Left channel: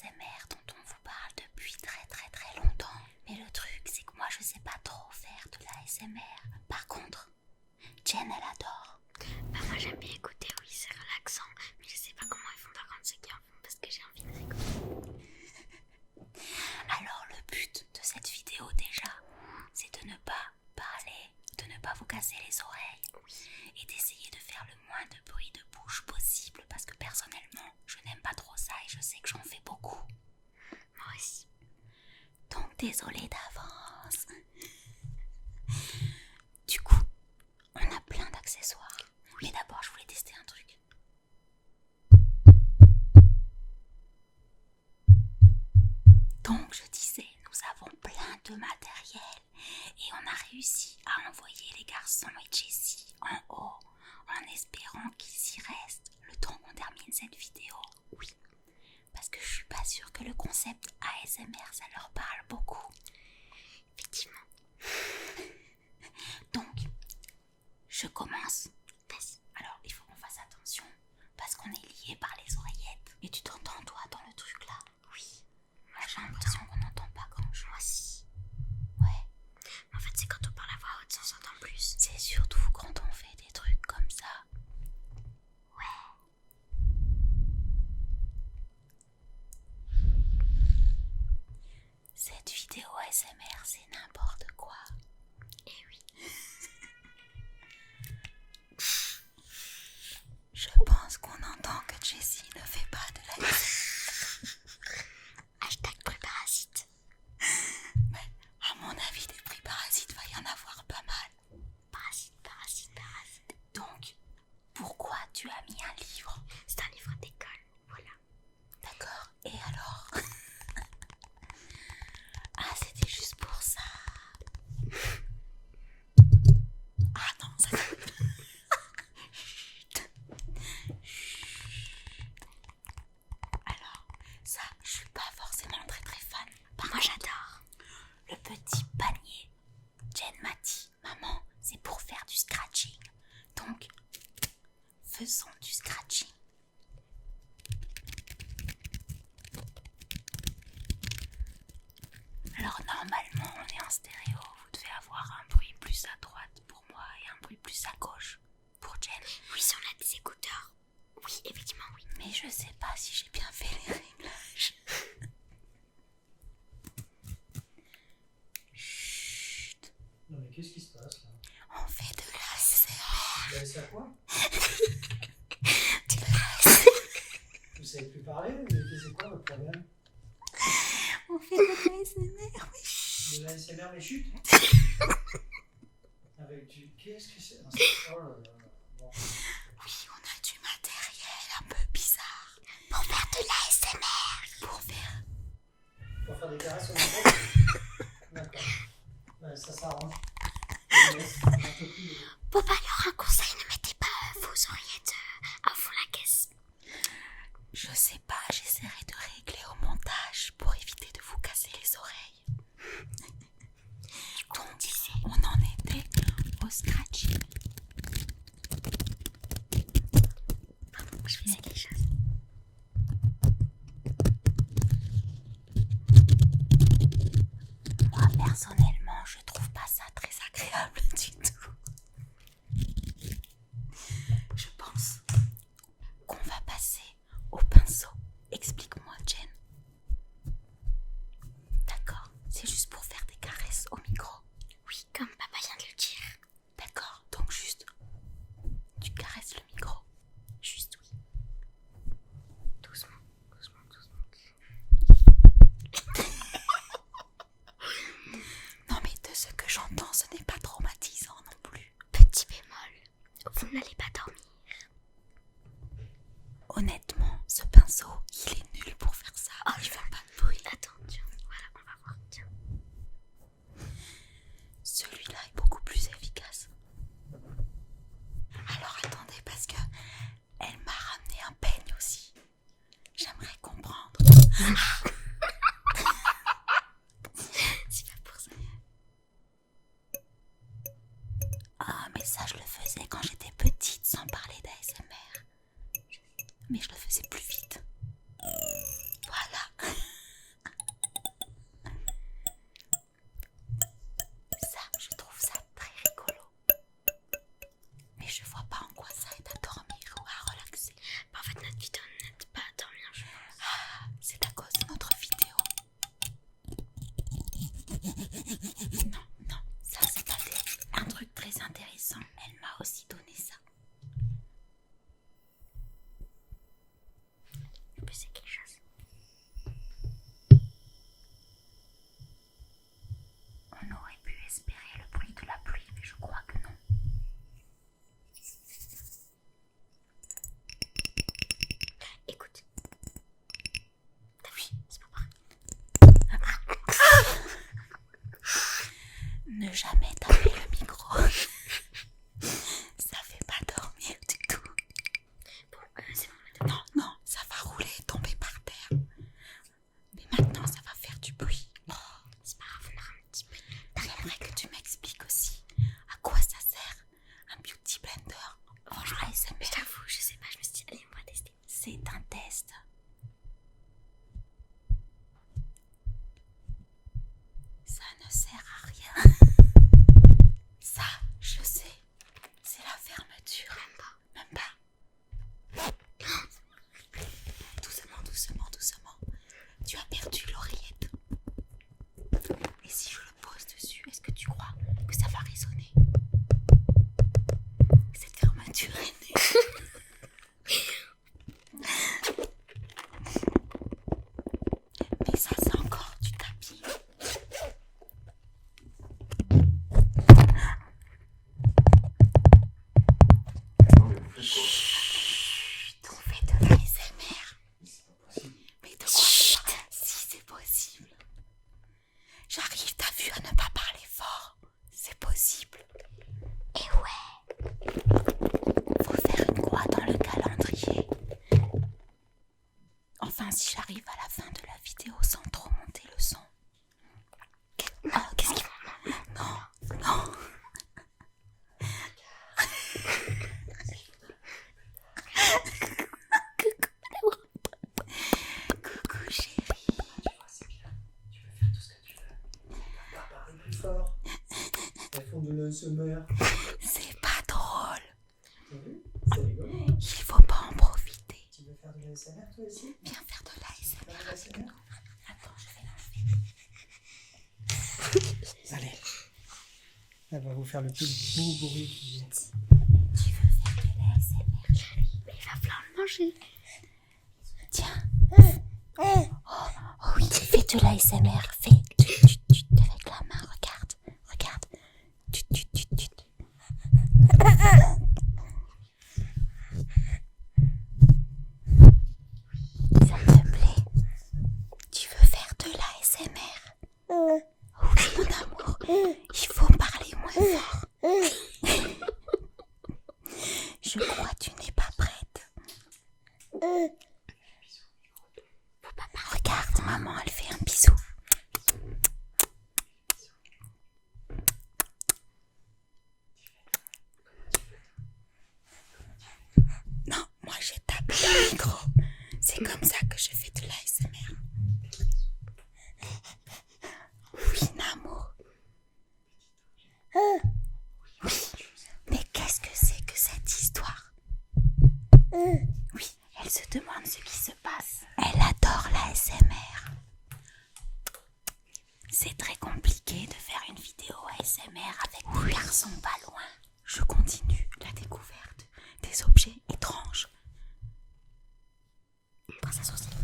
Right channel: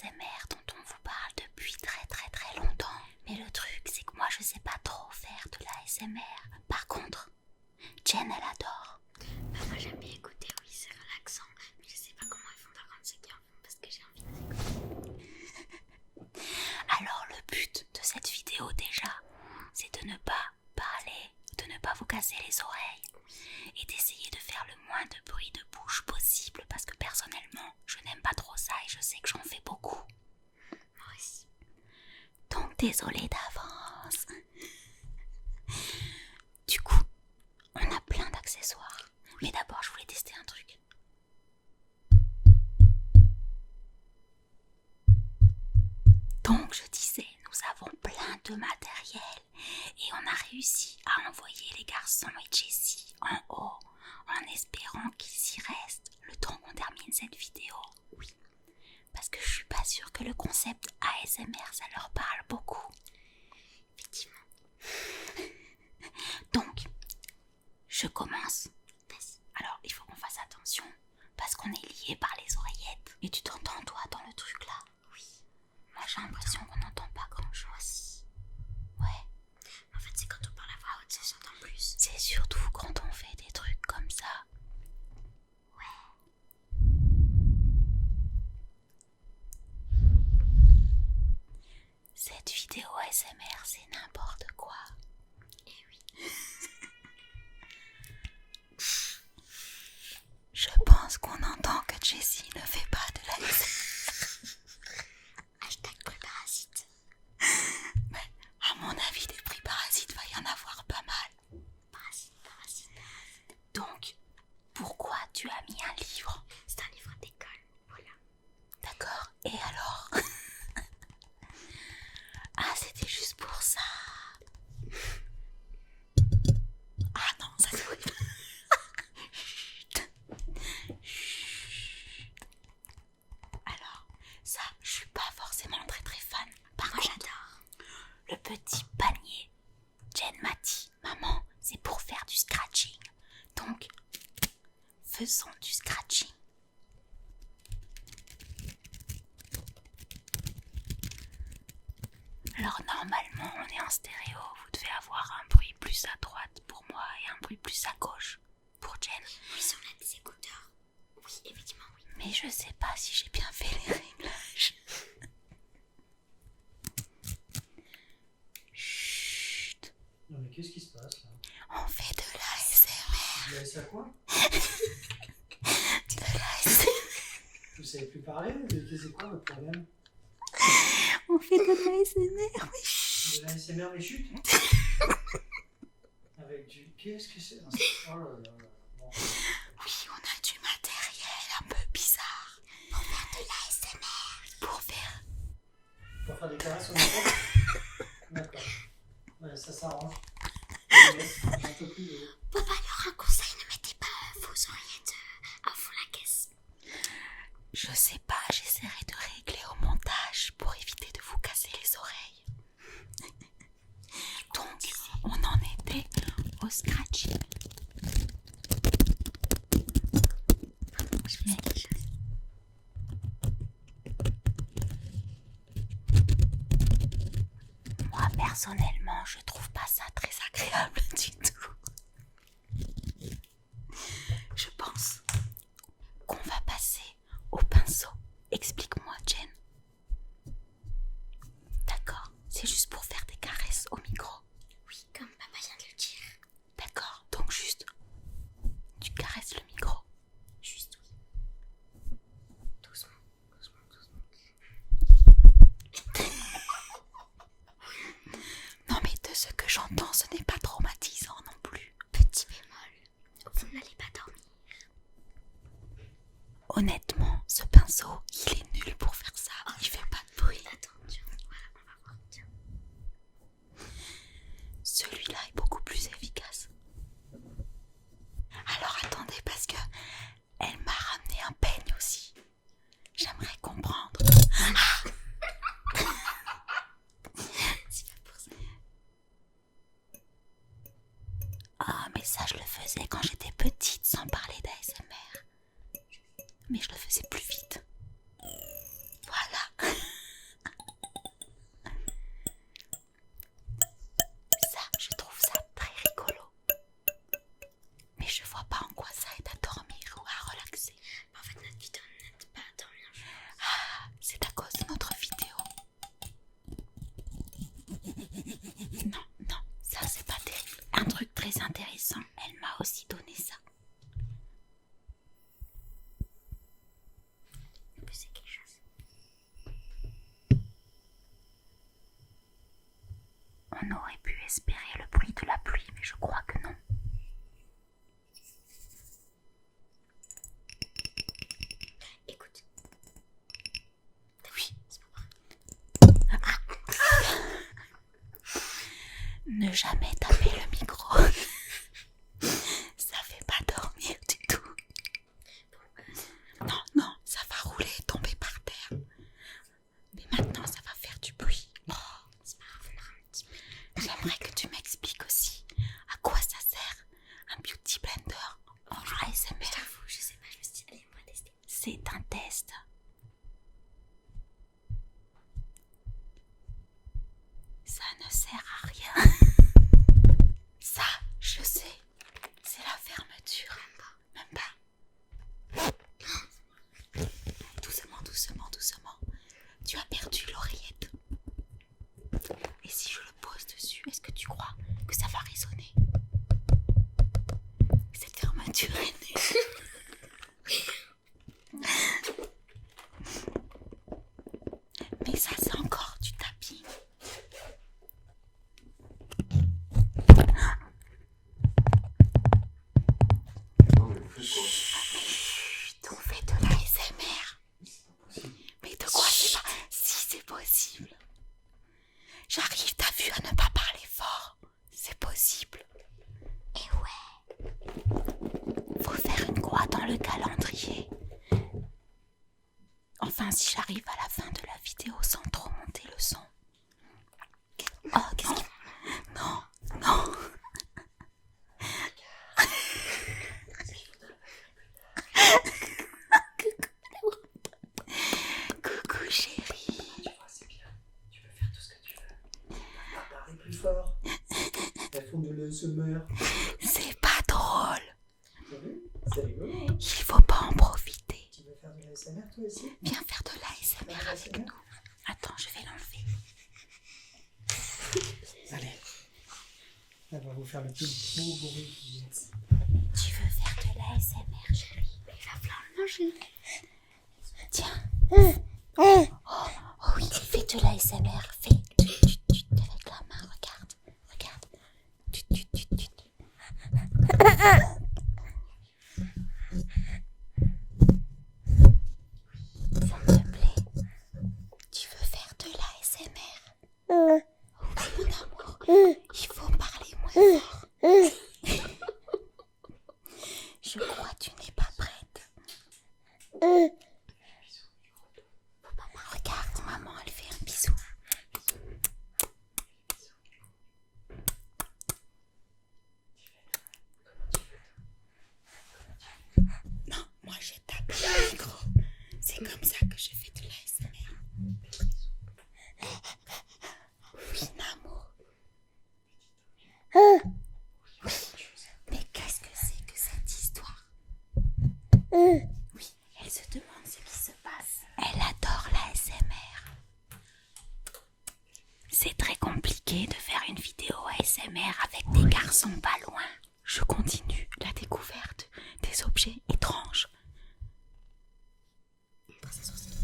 ASMR dont on vous parle depuis très très très longtemps. Mais le truc, c'est que moi je sais pas trop faire de l'ASMR. Par contre, Jen elle adore. Moi j'aime bien écouter, oui c'est relaxant. Mais je sais pas comment ils font par contre ceux qui en font parce que j'ai envie de réécouter. Alors le but de cette vidéo déjà, c'est de ne pas parler, de ne pas vous casser les oreilles et d'essayer de faire le moins de bruit de bouche possible parce que personnellement je n'aime pas trop ça et je sais que j'en fais beaucoup. Moi aussi. Donc désolée d'avance. Du coup, on a plein d'accessoires. Mais d'abord je voulais tester un truc. Donc je disais, nous avons plein de matériel et on a réussi à envoyer les garçons et Jessie en haut en espérant qu'ils y restent le temps qu'on termine cette vidéo. Oui, parce que je suis pas sûre que le concept ASMR ça leur parle beaucoup. Effectivement. Donc, je commence. Alors il faut qu'on fasse attention parce qu'on est liés par les oreillettes. Et tu t'entends toi dans le truc là? Oui. Moi j'ai l'impression qu'on n'entend pas grand chose. Moi aussi. Ouais. En fait c'est quand on parle à voix haute ça s'entend plus. C'est surtout quand on fait des trucs comme ça. Ouais. Cette vidéo ASMR c'est n'importe quoi. Eh oui. Je pense qu'on entend que Jessie ne fait pas de la Hashtag préparasite. Mais à mon avis des prix parasites va y en avoir pas mal. Parasite. Donc, pourquoi tu as mis un livre? C'est un livre d'école, voilà. D'accord, et alors? Ah, c'était juste pour ça. Ah non, ça c'est horrible. Chut. Alors, ça, je suis pas forcément très très fan. Moi j'adore. Le petit panier Jen m'a dit, maman, c'est pour faire du scratching. Donc, faisons du scratching. Alors normalement, on est en stéréo. Vous devez avoir un bruit plus à droite pour moi et un bruit plus à gauche pour Jen. Oui si on a des écouteurs. Oui effectivement oui. Mais je sais pas si j'ai bien fait les réglages. Chut. Non mais qu'est-ce qui se passe là? On fait de l'ASMR. Vous avez ça quoi? De l'ASMR. Vous savez plus parler? C'est quoi votre problème? On fait de l'ASMR, oui. De l'ASMR les chutes? Avec du... Qu'est-ce que c'est? Oh là là. Bon. Oui, on a du matériel un peu bizarre pour faire de l'ASMR. Pour faire... Pour faire des caresses au micro? D'accord. Ouais, ça s'arrange. Un peu plus de... Papa, alors un conseil, ne mettez pas vos oreillettes à fond la caisse. Je sais pas, j'essaierai de régler au montage pour éviter de vous casser les oreilles. Donc, on en était au scratching. Je faisais quelque chose. Moi, personnellement, je trouve pas ça très agréable du tout. Je pense qu'on va passer au pinceau. Explique-moi, Jen. D'accord, c'est juste pour faire des caresses au micro. Oui, comme papa vient de le dire. D'accord, donc juste, tu caresses le micro. Juste oui. Doucement. Non mais de ce que j'entends, ce n'est pas traumatisant non plus. Petit bémol, vous n'allez pas dormir. Honnêtement, ce pinceau, il est nul pour faire ça. Il fait pas de bruit. Attends, tiens, voilà, on va voir, tiens. Celui-là est beaucoup plus efficace. Alors attendez, parce que elle m'a ramené un peigne aussi. J'aimerais comprendre. C'est pas pour ça. Ah, mais ça, je le faisais quand j'étais petite, sans parler d'ASMR. Mais je le faisais plus vite. Voilà. aussi donner ça. En plus, c'est quelque chose. On aurait pu espérer le bruit de la pluie, mais je crois que non. Écoute. Oui. C'est pas vrai. Ne jamais taper le micro. Ça fait pas dormir du tout. Bon, c'est bon. Non, ça va rouler et tomber par terre. Mais maintenant, ça va faire du bruit. Oh, C'est pas grave, on aura un petit peu. j'aimerais que tu m'expliques aussi à quoi ça sert un beauty blender en ASMR. Je t'avoue, je sais pas, je me suis dit, allez, on va tester. C'est un test. Ça ne sert à rien. Ça, je sais. C'est la fermeture. Même pas. Doucement, doucement, doucement. Tu as perdu l'oreillette. Et si je le pose dessus, est-ce que tu crois que ça va résonner? Cette fermeture est née. Mais ça, c'est encore du tapis. Chut, on fait de l'ASMR. Mais de quoi ça? Si c'est possible. J'arrive, t'as vu, à ne pas parler fort. C'est possible. Et ouais. Faut faire une croix dans le calendrier. Enfin, si j'arrive à la fin de la vidéo sans trop monter le son. Oh, qu'est-ce qu'il... Non, non. Coucou chérie. Tu vois, c'est bien. Tu peux faire tout ce que tu veux. Parler plus fort. Elles font de l'ASMR. C'est pas drôle. T'as vu? C'est rigolo. Il faut pas en profiter. Tu veux faire de l'ASMR toi aussi? Viens faire de l'ASMR avec nous. Attends, je vais l'enlever. Allez. Elle va vous faire le plus beau bruit qui est. Tu veux faire de l'ASMR, chérie? Mais il va falloir le manger. Tiens. Oh oui, fais de l'ASMR. Fais tut, avec la main. Regarde. Regarde. Tut. Ça te plaît? Tu veux faire de l'ASMR? Oui, mon amour. Il faut parler moins fort. Je crois que tu n'es pas prête. Regarde, maman, elle fait un bisou. Non, moi j'ai tapé le micro. C'est comme ça que je fais de l'ASMR. Oui, Namour. Oui. Mais qu'est-ce que c'est que cette histoire? Oui, elle se demande ce qui se passe. Elle adore l'ASMR. C'est très compliqué de faire une vidéo ASMR avec des garçons pas loin. Je continue la découverte des objets étranges. On passe un sourcil.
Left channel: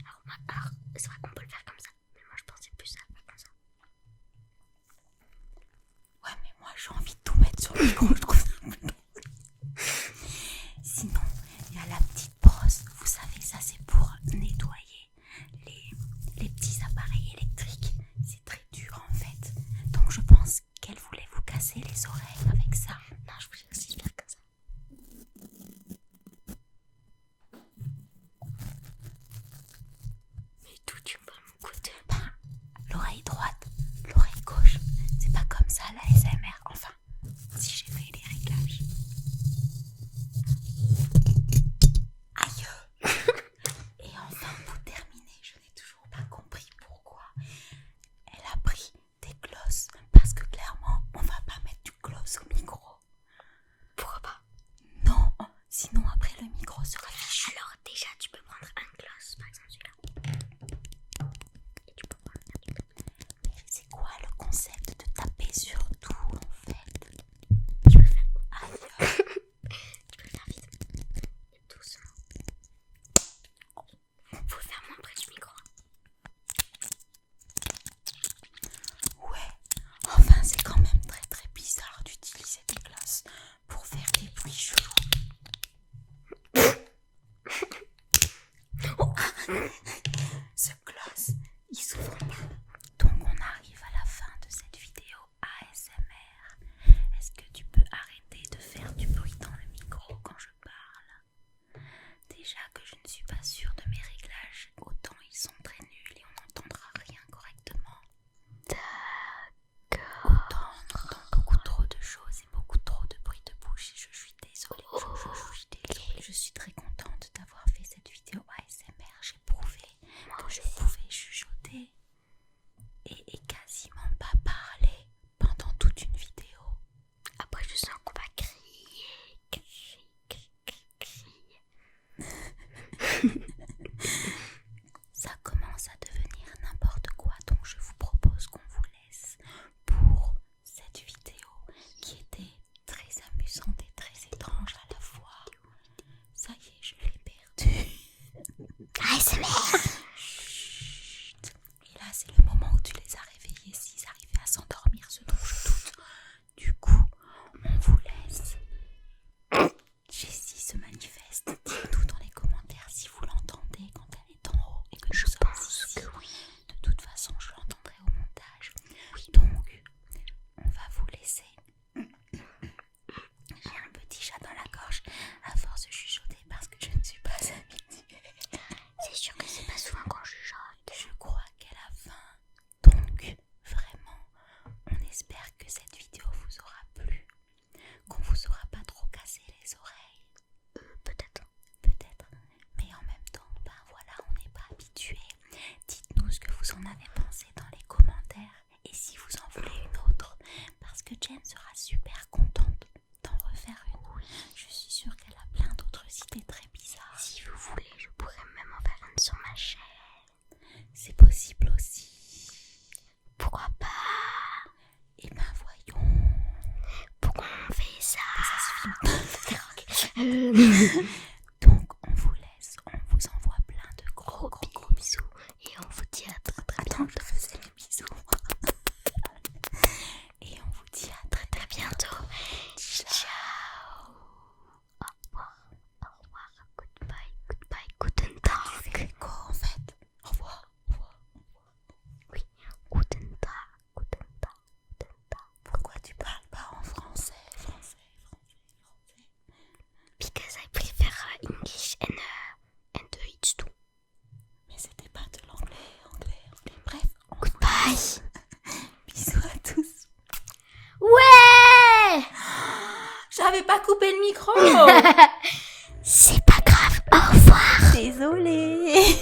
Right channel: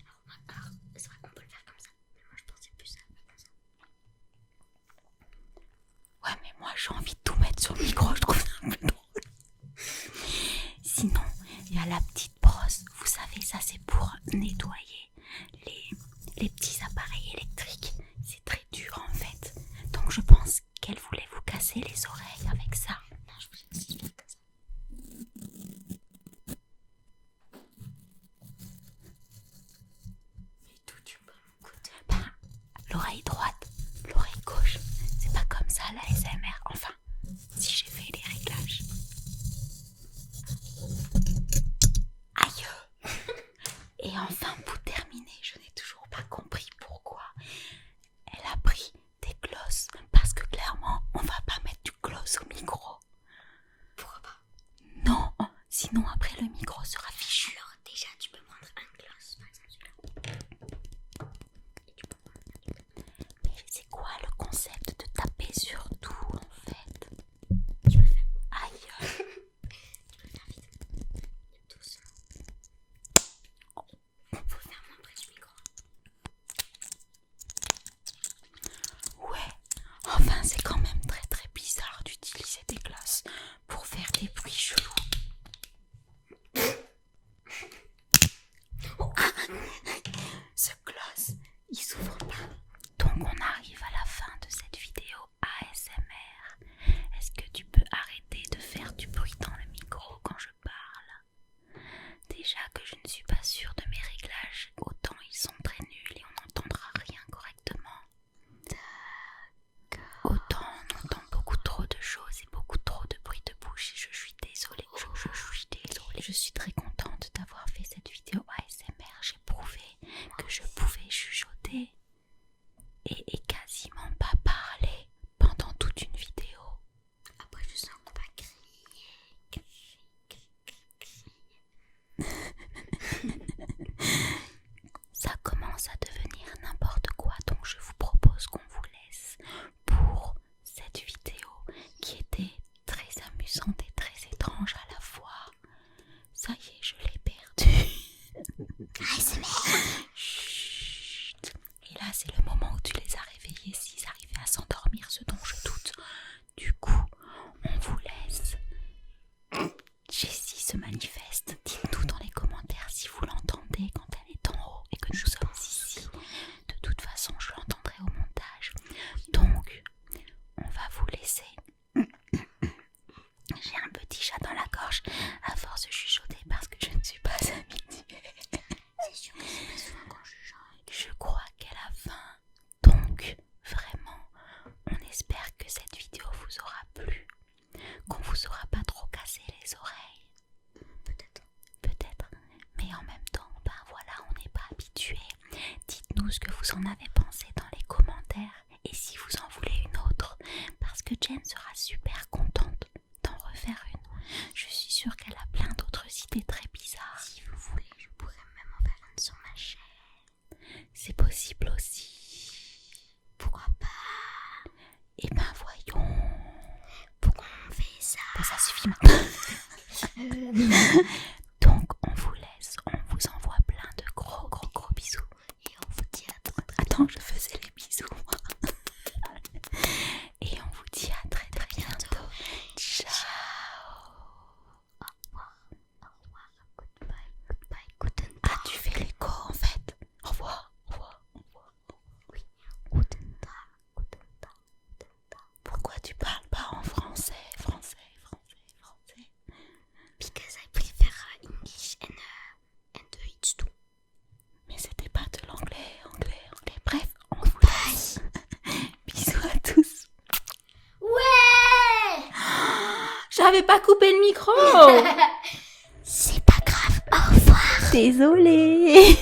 Alors, c'est vrai qu'on peut le faire comme ça. Mais moi, je pensais plus à faire comme ça. Ouais, mais moi j'ai envie de tout mettre sur le micro, je trouve ça un peu drôle. pour faire des bruits chelous. Ce close, il s'ouvre pas. Donc on arrive à la fin de cette vidéo ASMR. Est-ce que tu peux arrêter de faire du bruit dans le micro quand je parle? Déjà que je ne suis pas sûre de mes réglages, autant ils sont très nuls et on n'entendra rien correctement. Autant on entend beaucoup trop de choses et beaucoup trop de bruit de bouche et je suis désolée, je suis désolée. Je suis très contente d'avoir fait cette vidéo ASMR. J'ai prouvé que je pouvais chuchoter et quasiment pas parler pendant toute une vidéo. Après, je sens qu'on va crier. Ça commence à devenir n'importe quoi, donc je vous propose qu'on vous laisse pour cette vidéo qui était très amusante et très étrange à la fois. Ça y est, je l'ai perdu. Chut. Et là, c'est le moment où tu les as réveillés s'ils arrivaient à s'endormir, ce dont je doute. Du coup, on vous laisse. Jessie se manifeste. Dites-nous dans les commentaires si vous l'entendez quand elle est en haut et que nous sommes ici. De toute façon, je l'entendrai au montage. Donc, on va vous laisser. J'ai un petit chat dans la gorge à force de chuchoter parce que je ne suis pas habituée. C'est sûr que c'est pas souvent quand je chante. Je crois qu'elle a faim. Donc, vraiment, on espère que cette vidéo vous aura plu, qu'on vous aura pas trop cassé les oreilles. Peut-être. Mais en même temps, ben voilà, on n'est pas habitué. Dites-nous ce que vous en avez pensé dans les commentaires et si vous en voulez une autre, parce que Jen sera super contente d'en refaire une. Je suis sûre qu'elle a plein d'autres idées très bizarres. Si vous voulez, je pourrais même en faire une sur ma chaîne. C'est possible aussi. Pourquoi pas? Eh ben voyons. Pourquoi on fait ça? Ça suffit maintenant. Donc on vous laisse, on vous envoie plein de gros bisous. Et on vous dit à très Attends, je faisais les bisous. Et on vous dit à très bientôt. Ciao. Au revoir, goodbye, guten Tag. Ah, tu fais l'écho en fait. Au revoir. Oui, guten Tag. Pourquoi tu parles pas en français? Because I prefer English and it's too. Mais c'était pas de l'anglais. Bref, on vous Goodbye. laisse. Bisous à tous. Ouais! J'avais pas coupé le micro. C'est pas grave, au revoir. Désolée.